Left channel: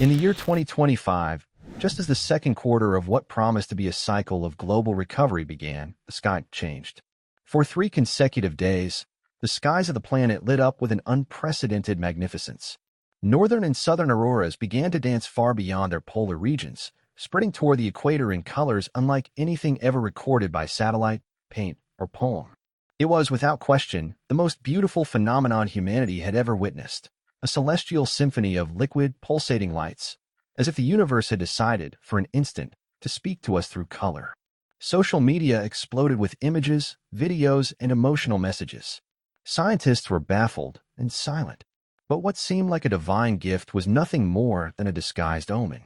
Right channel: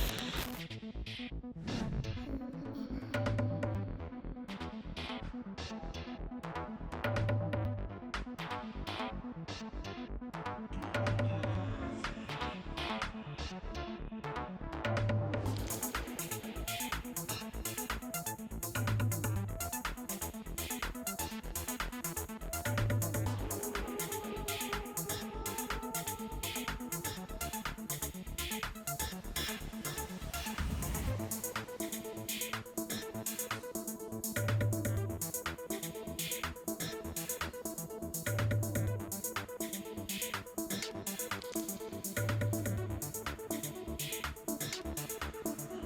In the year 2025, just as the second quarter of what promised to be a cycle of global recovery began, the sky changed. For 3 consecutive days, the skies of the planet lit up with an unprecedented magnificence. Northern and southern auroras began to dance far beyond their polar regions, spreading toward the equator in colors unlike anything ever recorded by satellite, paint, or poem. It was, without question, the most beautiful phenomenon humanity had ever witnessed. A celestial symphony of liquid, pulsating lights, as if the universe had decided, for an instant, to speak to us through color. Social media exploded with images, videos, and emotional messages. Scientists were baffled and silent, but what seemed like a divine gift was nothing more than a disguised omen.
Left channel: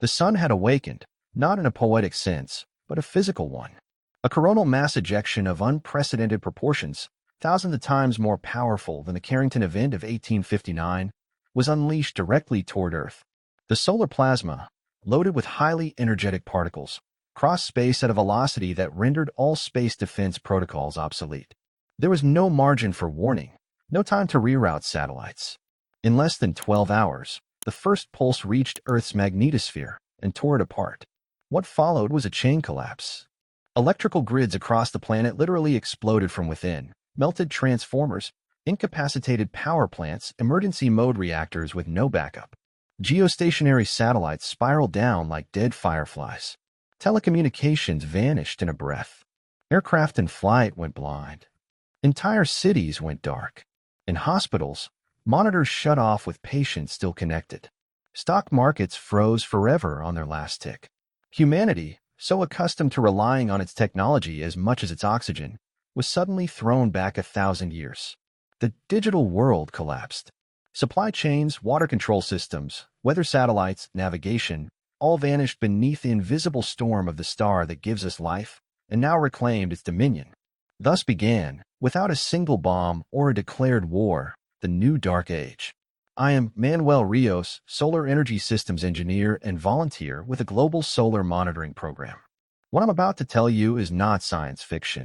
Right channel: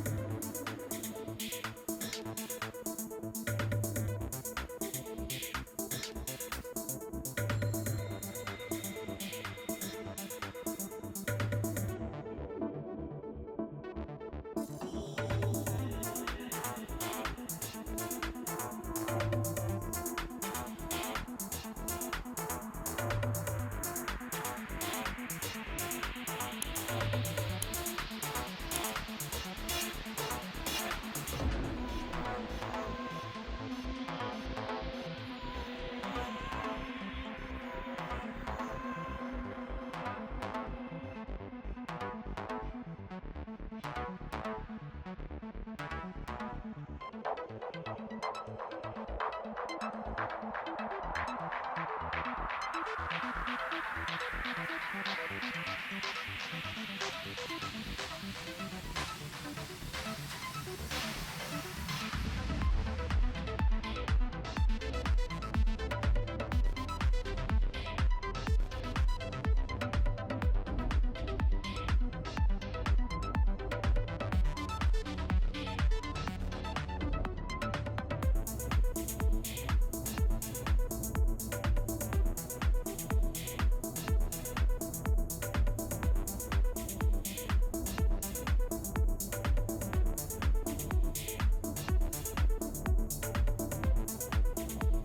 The sun had awakened, not in a poetic sense, but a physical one. A coronal mass ejection of unprecedented proportions, thousands of times more powerful than the Carrington event of 1859, was unleashed directly toward Earth. The solar plasma, loaded with highly energetic particles, crossed space at a velocity that rendered all space defense protocols obsolete. There was no margin for warning, no time to reroute satellites. In less than 12 hours, the first pulse reached Earth's magnetosphere and tore it apart. What followed was a chain collapse. Electrical grids across the planet literally exploded from within, melted transformers, incapacitated power plants, emergency mode reactors with no backup. Geostationary satellites spiraled down like dead fireflies. Telecommunications vanished in a breath. Aircraft in flight went blind. Entire cities went dark. In hospitals, monitors shut off with patients still connected. Stock markets froze forever on their last tick. Humanity, so accustomed to relying on its technology as much as its oxygen, was suddenly thrown back 1,000 years. The digital world collapsed. Supply chains, water control systems, weather satellites, navigation, all vanished beneath the invisible storm of the star that gives us life and now reclaimed its dominion. Thus began, without a single bomb or a declared war, the new dark age. I am Manuel Rios, Solar Energy Systems Engineer and volunteer with a global solar monitoring program. What I'm about to tell you is not science fiction.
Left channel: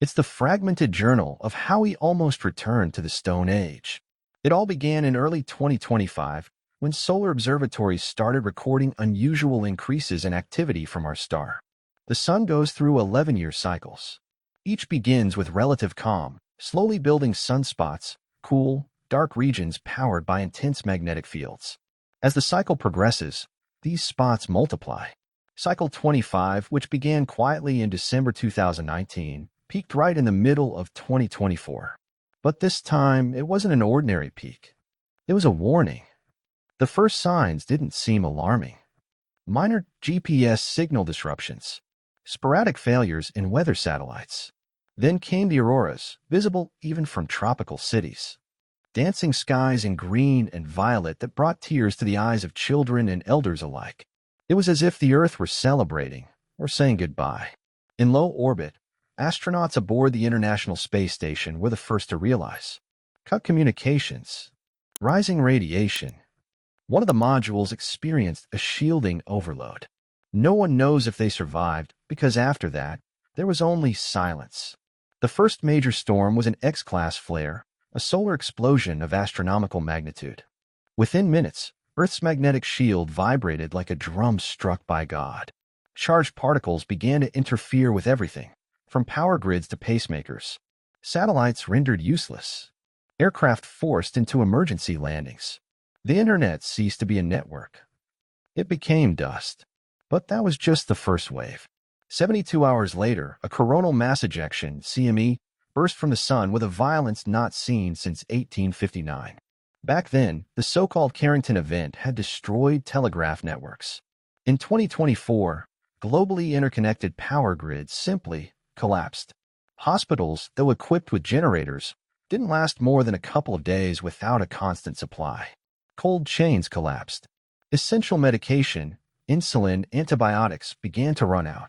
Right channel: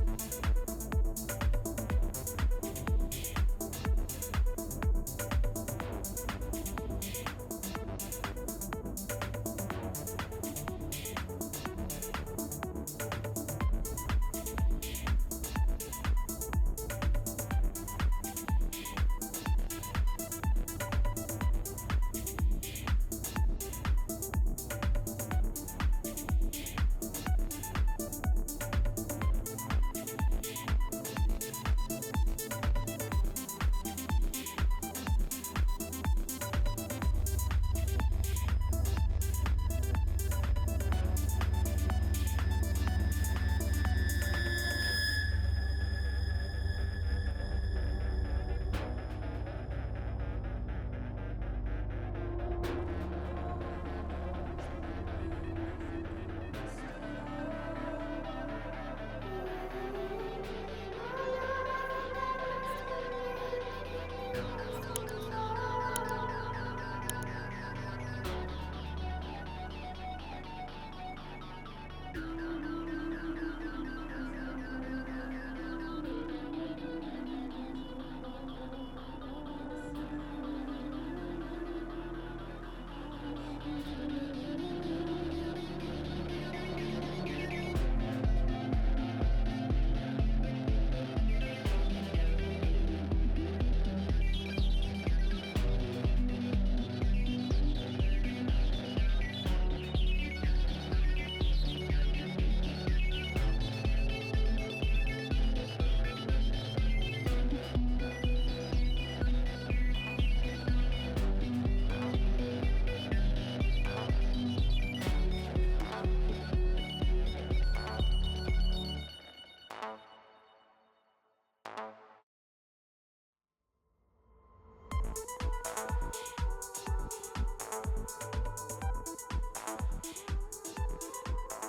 It's the fragmented journal of how we almost returned to the Stone Age. It all began in early 2025 when solar observatories started recording unusual increases in activity from our star. The sun goes through 11-year cycles. Each begins with relative calm, slowly building sunspots, cool, dark regions powered by intense magnetic fields. As the cycle progresses, these spots multiply. Cycle 25, which began quietly in December 2019, peaked right in the middle of 2024. But this time, it wasn't an ordinary peak. It was a warning. The first signs didn't seem alarming. Minor GPS signal disruptions, sporadic failures in weather satellites. Then came the auroras, visible even from tropical cities. Dancing skies in green and violet that brought tears to the eyes of children and elders alike. It was as if the Earth were celebrating or saying goodbye. In low orbit, astronauts aboard the International Space Station were the first to realize. Cut communications. Rising radiation. One of the modules experienced a shielding overload. No one knows if they survived because after that, there was only silence. The first major storm was an X-class flare, a solar explosion of astronomical magnitude. Within minutes, Earth's magnetic shield vibrated like a drum struck by God. Charged particles began to interfere with everything, from power grids to pacemakers. Satellites rendered useless. Aircraft forced into emergency landings. The internet ceased to be a network. It became dust. But that was just the first wave. 72 hours later, a coronal mass ejection, CME, burst from the sun with a violence not seen since 1859. Back then, the so-called Carrington event had destroyed telegraph networks. In 2024, globally interconnected power grids simply collapsed. Hospitals, though equipped with generators, didn't last more than a couple of days without a constant supply. Cold chains collapsed. Essential medication, insulin, antibiotics began to run out.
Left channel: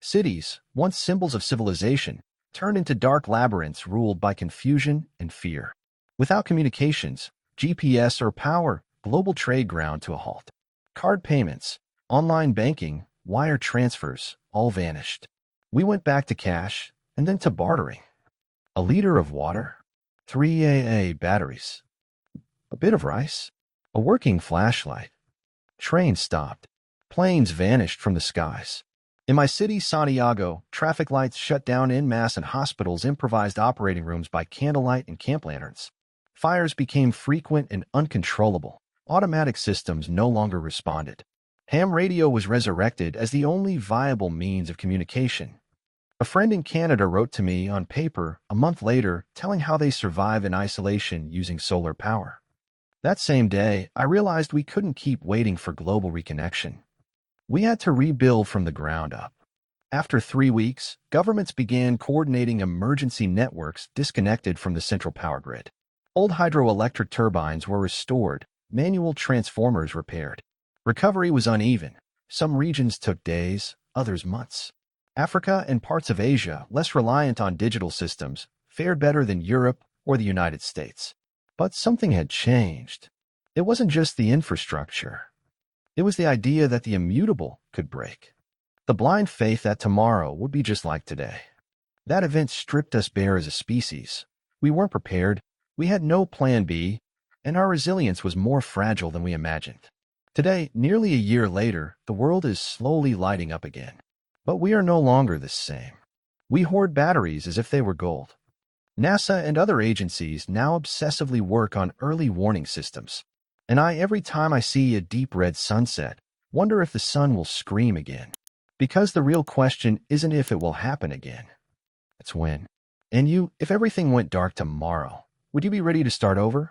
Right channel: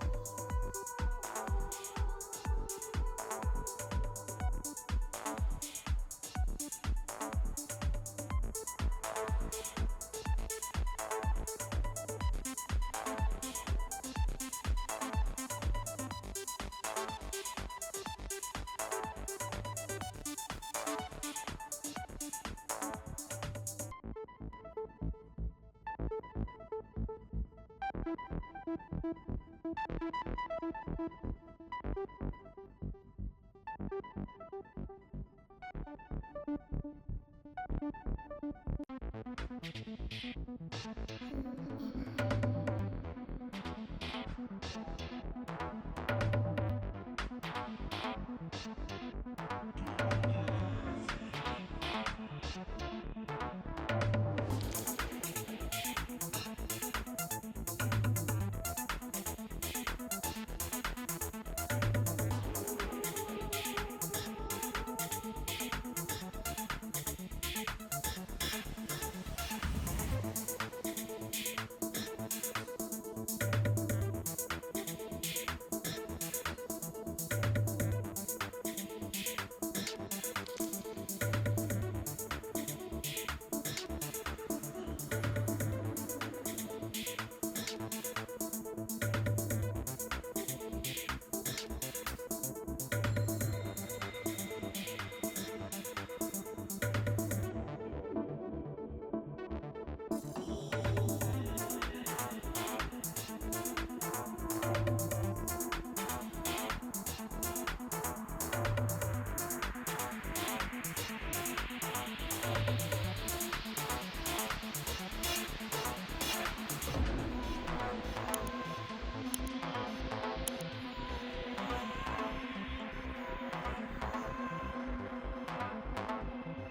Cities, once symbols of civilization, turned into dark labyrinths ruled by confusion and fear. Without communications, GPS or power, global trade ground to a halt. Card payments, online banking, wire transfers, all vanished. We went back to cash and then to bartering. A liter of water, 3 AA batteries, a bit of rice, a working flashlight, Trains stopped. Planes vanished from the skies. In my city, Santiago, traffic lights shut down en masse and hospitals improvised operating rooms by candlelight and camp lanterns. Fires became frequent and uncontrollable. Automatic systems no longer responded. Ham radio was resurrected as the only viable means of communication. A friend in Canada wrote to me on paper a month later, telling how they survive in isolation using solar power. That same day, I realized we couldn't keep waiting for global reconnection. We had to rebuild from the ground up. After 3 weeks, governments began coordinating emergency networks disconnected from the central power grid. Old hydroelectric turbines were restored, manual transformers repaired. Recovery was uneven. Some regions took days, others months. Africa and parts of Asia, less reliant on digital systems, fared better than Europe or the United States. But something had changed. It wasn't just the infrastructure. It was the idea that the immutable could break. The blind faith that tomorrow would be just like today. That event stripped us bare as a species. We weren't prepared, we had no plan B, and our resilience was more fragile than we imagined. Today, nearly a year later, the world is slowly lighting up again. But we are no longer the same. We hoard batteries as if they were gold. NASA and other agencies now obsessively work on early warning systems. And every time I see a deep red sunset, wonder if the sun will scream again. Because the real question isn't if it will happen again, it's when. And you, if everything went dark tomorrow, would you be ready to start over?